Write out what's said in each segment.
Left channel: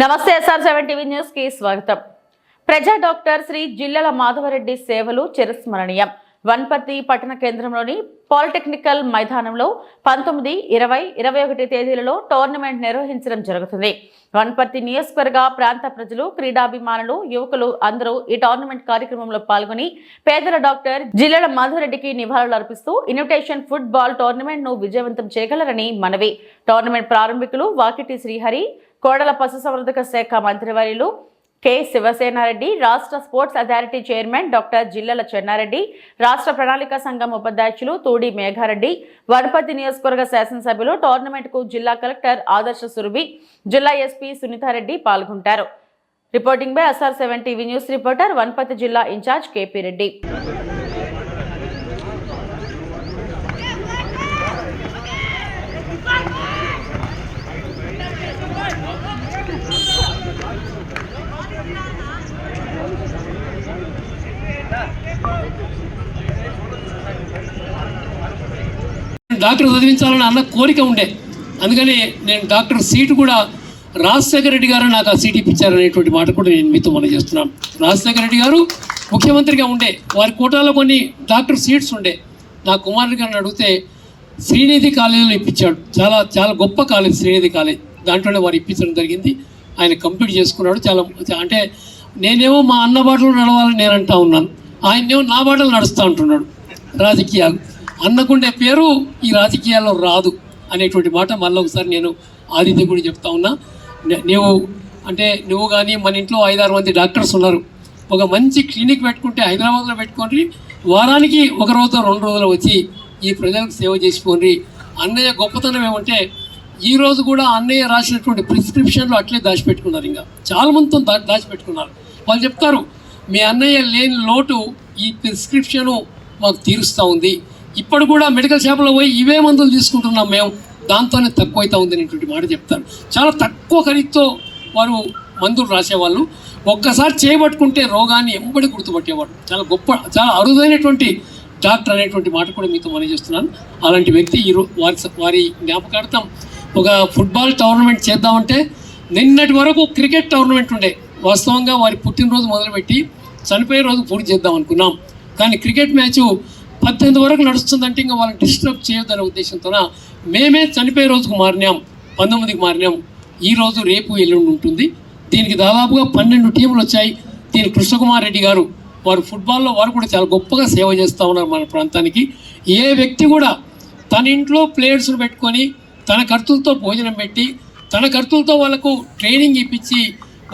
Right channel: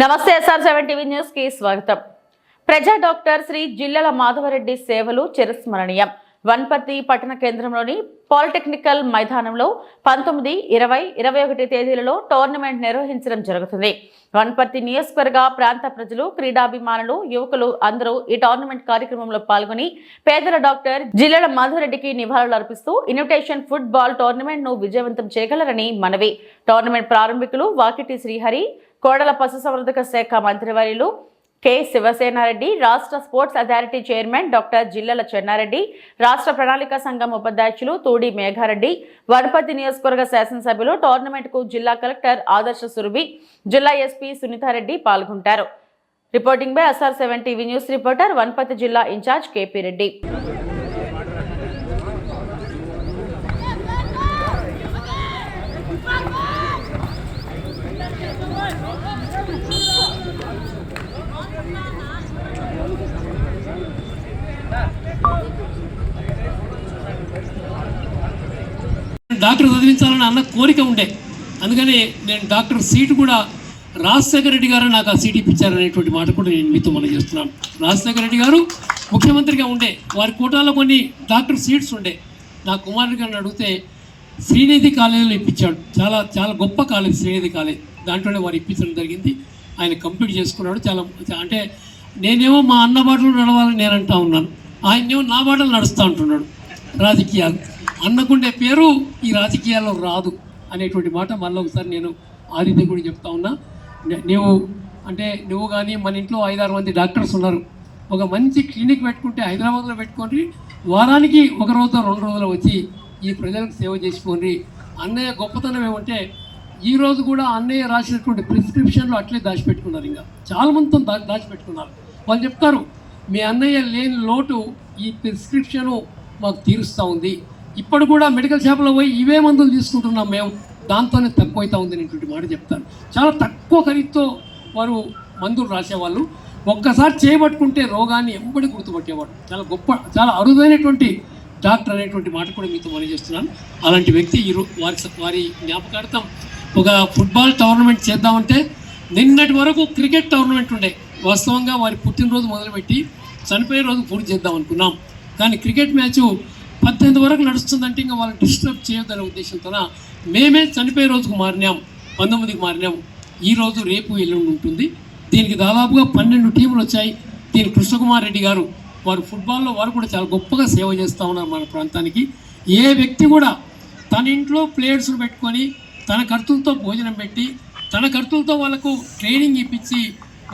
నమస్తే SR7 TV news కి స్వాగతం. ప్రజా డాక్టర్ శ్రీ జిల్లల మాధవరెడ్డి సేవలు చిరస్మరణీయం. వన్పర్తి పట్టణ కేంద్రంలోని పాలిటెక్నికల్ మైదానంలో 19, 20, 21 తేదీలలో టోర్నమెంట్ నిర్వహించడం జరుగుతుంది. వన్పర్తి నియోజకవర్గ ప్రాంత ప్రజలు, క్రీడాభిమానులు, యువకులు అందరూ ఈ టోర్నమెంట్ కార్యక్రమంలో పాల్గొని పేదల డాక్టర్ జిల్లల మాధవరెడ్డికి నివాళులు అర్పిస్తూ ఇన్విటేషన్ ఫుట్బాల్ టోర్నమెంట్ ను విజయవంతం చేయగలరని మనవి. టోర్నమెంట్ ప్రారంభికులు వాకిటి శ్రీహరి, కోడల పశుసంవర్ధక శాఖ మంత్రివర్యులు కె శివసేనారెడ్డి, రాష్ట్ర sports authority chairman doctor జిల్లల Chennareddy, రాష్ట్ర ప్రణాళిక సంఘం ఉపాధ్యక్షులు తూడి మేఘారెడ్డి, వనపర్తి నియోజకవర్గ శాసనసభ్యులు, టోర్నమెంట్ కు జిల్లా కలెక్టర్ ఆదర్శ సురభి, జిల్లా ఎస్పీ సునీతారెడ్డి పాల్గొంటారు. Reporting by SR7 TV news reporter Wanaparthy జిల్లా ఇన్ఛార్జ్ కేపీ రెడ్డి. డాక్టర్ చదివించాలని అన్న కోరిక ఉండే, అందుకని నేను డాక్టర్ సీటు కూడా రాజశేఖర రెడ్డి గారు నాకు ఆ సీట్ ఇప్పించారనేటువంటి మాట కూడా నేను మీతో మనం చేస్తున్నాను. రాజశేఖర రెడ్డి గారు ముఖ్యమంత్రిగా ఉండే, వారి కోటాలో కొన్ని డాక్టర్ సీట్స్ ఉండే. నా కుమారుడి గారిని అడిగితే శ్రీనిధి కాలేజీలో ఇప్పించాడు. చాలా చాలా గొప్ప కాలేజ్ శ్రీనిధి కాలేజ్, దాంట్లోనే వారు ఇప్పించడం జరిగింది. ఆయన కంప్లీట్ చేసుకున్నాడు. చాలా అంటే నేనేమో మా అన్న బాటలు నడవాలని నేను అంటా ఉన్నాను, ఆయనేమో నా బాటలు నడుస్తూ ఉంటున్నాడు. రాజకీయాలు అన్నకుండే పేరు ఈ రాజకీయాల్లో రాదు అనేటువంటి మాట మళ్ళీ ఒకసారి నేను ఆదిత్య కూడా చెప్తా ఉన్నా. నువ్వు కానీ మన ఇంట్లో 5-6 మంది డాక్టర్స్ ఉన్నారు, ఒక మంచి క్లినిక్ పెట్టుకుంటే హైదరాబాద్లో పెట్టుకోండి, వారానికి 1 రోజు 2 రోజులు వచ్చి ఈ ప్రజలకు సేవ చేసుకోండి. అన్నయ్య గొప్పతనం ఏమంటే ఈరోజు కూడా అన్నయ్య రాసినటువంటి ప్రిస్క్రిప్షన్లు అట్లే దాచిపెట్టుకున్నారు. ఇంకా చాలా మందితో దాచిపెట్టుకున్నారు. వాళ్ళు చెప్తారు, మీ అన్నయ్య లేని లోటు ఈ ప్రిస్క్రిప్షను మాకు తీరుస్తూ ఉంది. ఇప్పుడు కూడా మెడికల్ షాప్లో పోయి ఇవే మందులు తీసుకుంటున్నాం మేము, దాంతోనే తక్కువ అవుతా ఉంది అనేటువంటి మాట చెప్తారు. చాలా తక్కువ ఖరీదుతో వారు మందులు రాసేవాళ్ళు. ఒక్కసారి చేయబట్టుకుంటే రోగాన్ని ఎంబడి గుర్తుపట్టేవాడు. చాలా గొప్ప, చాలా అరుదైనటువంటి డాక్టర్ అనేటువంటి మాట కూడా మీతో మనం చేస్తున్నాను. అలాంటి వ్యక్తి వారి జ్ఞాపకార్థం ఒక ఫుట్బాల్ టోర్నమెంట్ చేద్దామంటే నిన్నటి వరకు క్రికెట్ టోర్నమెంట్ ఉండే. వాస్తవంగా వారి పుట్టినరోజు మొదలుపెట్టి చనిపోయే రోజు పూర్తి చేద్దాం అనుకున్నాం. కానీ క్రికెట్ మ్యాచ్ 18 వరకు నడుస్తుందంటే ఇంకా వాళ్ళని డిస్టర్బ్ చేయొద్దనే ఉద్దేశంతో మేమే చనిపోయే రోజుకు మారినాం, 19కి మారినాం. ఈరోజు రేపు ఎల్లుండి ఉంటుంది. దీనికి దాదాపుగా 12 టీములు వచ్చాయి. దీని కృష్ణకుమార్ రెడ్డి గారు వారు ఫుట్బాల్లో వారు కూడా చాలా గొప్పగా సేవ చేస్తూ ఉన్నారు మన ప్రాంతానికి. ఏ వ్యక్తి కూడా తన ఇంట్లో ప్లేయర్స్ను పెట్టుకొని తన ఖర్చులతో భోజనం పెట్టి తన ఖర్చులతో వాళ్ళకు ట్రైనింగ్ ఇప్పించి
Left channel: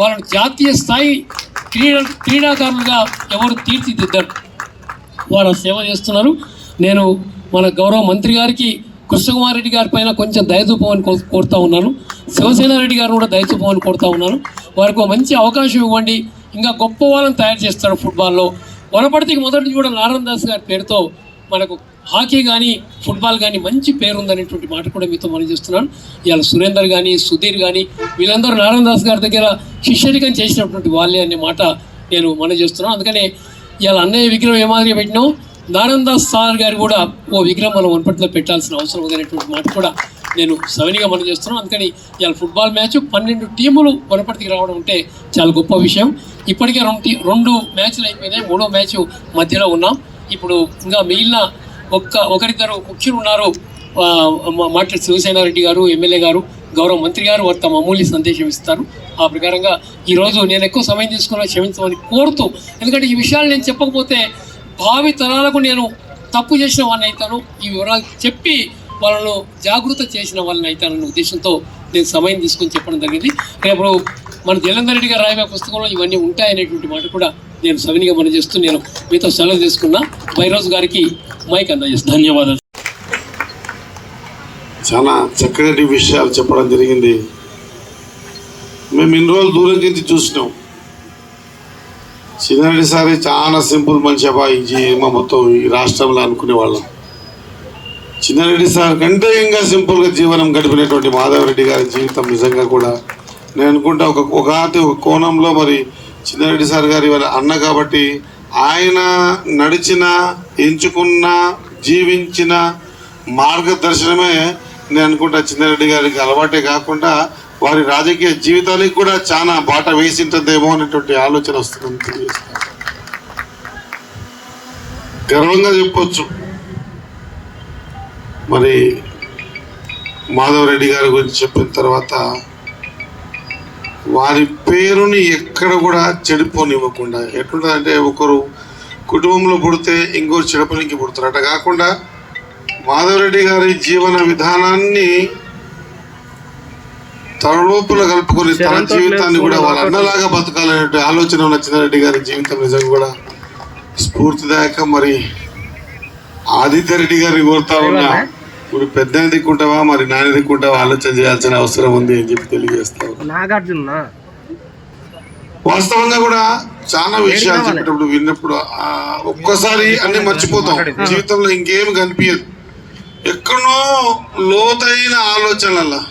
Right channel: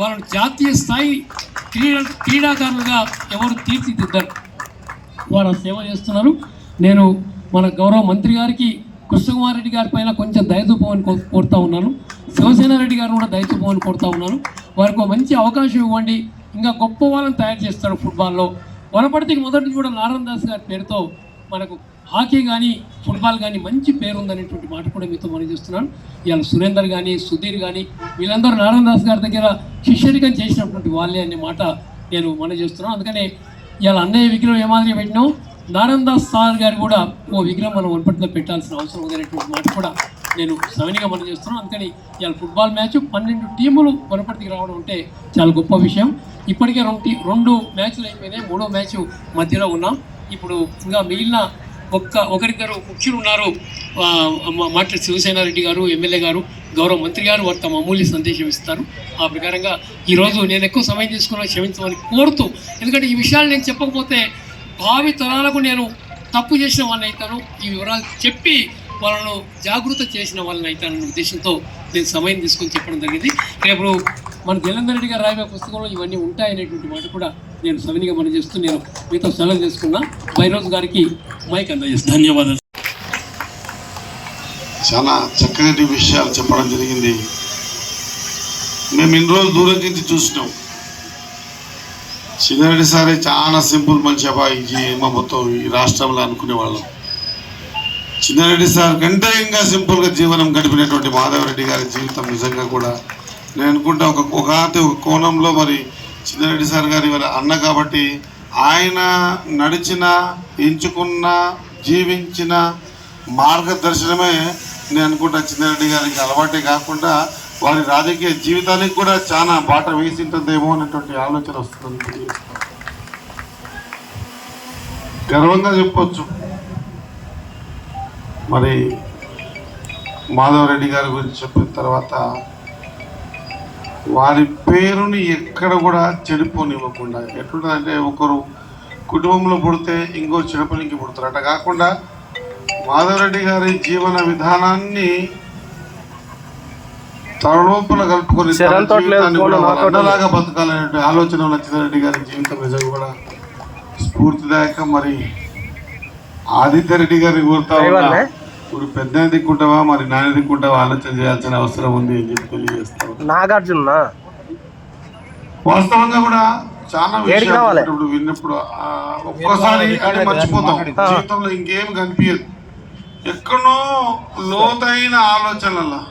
వాళ్ళను జాతీయ స్థాయి క్రీడాకారులుగా ఎవరు తీర్చిదిద్దారు, వారు సేవ చేస్తున్నారు. నేను మన గౌరవ మంత్రి గారికి కృష్ణకుమార్ రెడ్డి గారి పైన కొంచెం దయచూపమని కోరుతూ ఉన్నాను. శివసేనారెడ్డి గారు కూడా దయచూపమని కోరుతూ ఉన్నాను. వారికి ఒక మంచి అవకాశం ఇవ్వండి, ఇంకా గొప్ప వాళ్ళని తయారు చేస్తాడు ఫుట్బాల్లో. వనపర్తికి మొదటి కూడా నారాయణ దాస్ గారి పేరుతో మనకు హాకీ కానీ ఫుట్బాల్ కానీ మంచి పేరు ఉందనేటువంటి మాట కూడా మీతో మనం చేస్తున్నాను. ఇవాళ సురేందర్ కానీ సుధీర్ కానీ వీళ్ళందరూ నారాయణ దాస్ గారి దగ్గర శిష్యరికం చేసినటువంటి వాళ్ళే అనే మాట నేను మనం చేస్తున్నాను. అందుకని ఇవాళ అన్నయ్య విగ్రహం ఏ మాదిరిగా పెట్టినాం, నారాయణ దాస్ సార్ గారు కూడా ఓ విగ్రహం మనం వనపర్తిలో పెట్టాల్సిన అవసరం ఉందనేటువంటి మాట కూడా నేను సవినిగా మనం చేస్తున్నాను. అందుకని ఇవాళ ఫుట్బాల్ మ్యాచ్ 12 టీములు వనపర్తికి రావడం అంటే చాలా గొప్ప విషయం. ఇప్పటికే 2 మ్యాచ్లు అయిపోయినాయి, 3వ మ్యాచ్ మధ్యలో ఉన్నాం. ఇప్పుడు ఇంకా మిగిలిన ఒకరిద్దరు ముఖ్యులు ఉన్నారు. మాట్లాడి శివసేనారెడ్డి గారు, ఎమ్మెల్యే గారు, గౌరవ మంత్రి గారు వారు తమ అమూల్య సందేశం ఇస్తారు. ఆ ప్రకారంగా ఈరోజు నేను ఎక్కువ సమయం తీసుకున్నా క్షమించమని కోరుతూ, ఎందుకంటే ఈ విషయాలు నేను చెప్పకపోతే భావి తరాలకు నేను తప్పు చేసిన వాళ్ళని అవుతాను, ఈ వివరాలు చెప్పి వాళ్ళను జాగృత చేసిన వాళ్ళని అవుతానన్న ఉద్దేశంతో నేను సమయం తీసుకొని చెప్పడం జరిగింది. రేపు మన జలంధర్ రెడ్డి గారు రాయబోయే పుస్తకంలో ఇవన్నీ ఉంటాయనేటువంటి మాట కూడా నేను సవినిగా మనం చేస్తూ నేను మీతో సెలవు తీసుకున్నా. బైరోజు గారికి మైక్ అందజేస్తాను. ధన్యవాదాలు. చాలా చక్కటి విషయాలు చెప్పడం జరిగింది. మేము ఇన్ని రోజులు దూరం నుంచి చూసినాం. చిన్నారెడ్డి సారే చాలా సింపుల్ మనిషి అబ్బాయి మా మొత్తం ఈ రాష్ట్రంలో అనుకునేవాళ్ళం. చిన్నారెడ్డి సార్ కంటే ఇంకా సింపుల్గా జీవనం గడిపినటువంటి మాధవరెడ్డి గారి జీవితం నిజంగా కూడా నేను అనుకుంటా ఒక కోణంలో మరి చిన్నారెడ్డి సార్ గారి అన్న కాబట్టి ఆయన నడిచిన, ఎంచుకున్న, జీవించిన మార్గదర్శనమే నేను అనుకుంటా చిన్నారెడ్డి గారికి అలవాటే కాకుండా వారి రాజకీయ జీవితానికి కూడా చాలా బాట వేసింటుందేమో అనేటువంటి ఆలోచన వస్తుందని తెలియజేస్తాను. గర్వంగా చెప్పొచ్చు, మరి మాధవరెడ్డి గారి గురించి చెప్పిన తర్వాత వారి పేరుని ఎక్కడ కూడా చెడిపోనివ్వకుండా, ఎట్లుంటుందంటే ఒకరు కుటుంబంలో పుడితే ఇంకోరు చెడపనికి పుడతారు, అట్లా కాకుండా మాధవరెడ్డి గారి జీవన విధానాన్ని తన లోపల కలుపుకొని తన జీవితాన్ని కూడా అన్నలాగా బతకాలనే ఆలోచన ఉన్న చిన్నారెడ్డి గారి జీవితం నిజంగా కూడా స్ఫూర్తిదాయక. మరి ఆదిత్య రెడ్డి గారిని కోరుతా ఉన్నా, ఇప్పుడు పెద్ద దిక్కుంటావా మరి నాన్న దిక్కుంటావా ఆలోచన చేయాల్సిన అవసరం ఉంది అని చెప్పి తెలియజేస్తాం. నాగార్జున వాస్తవంగా కూడా చాలా విషయాలు చెప్పేటప్పుడు విన్నప్పుడు ఒక్కోసారి అన్ని మర్చిపోతాం, జీవితంలో ఇంకేం కనిపించదు, ఎక్కడో లోతైన ఆలోచనల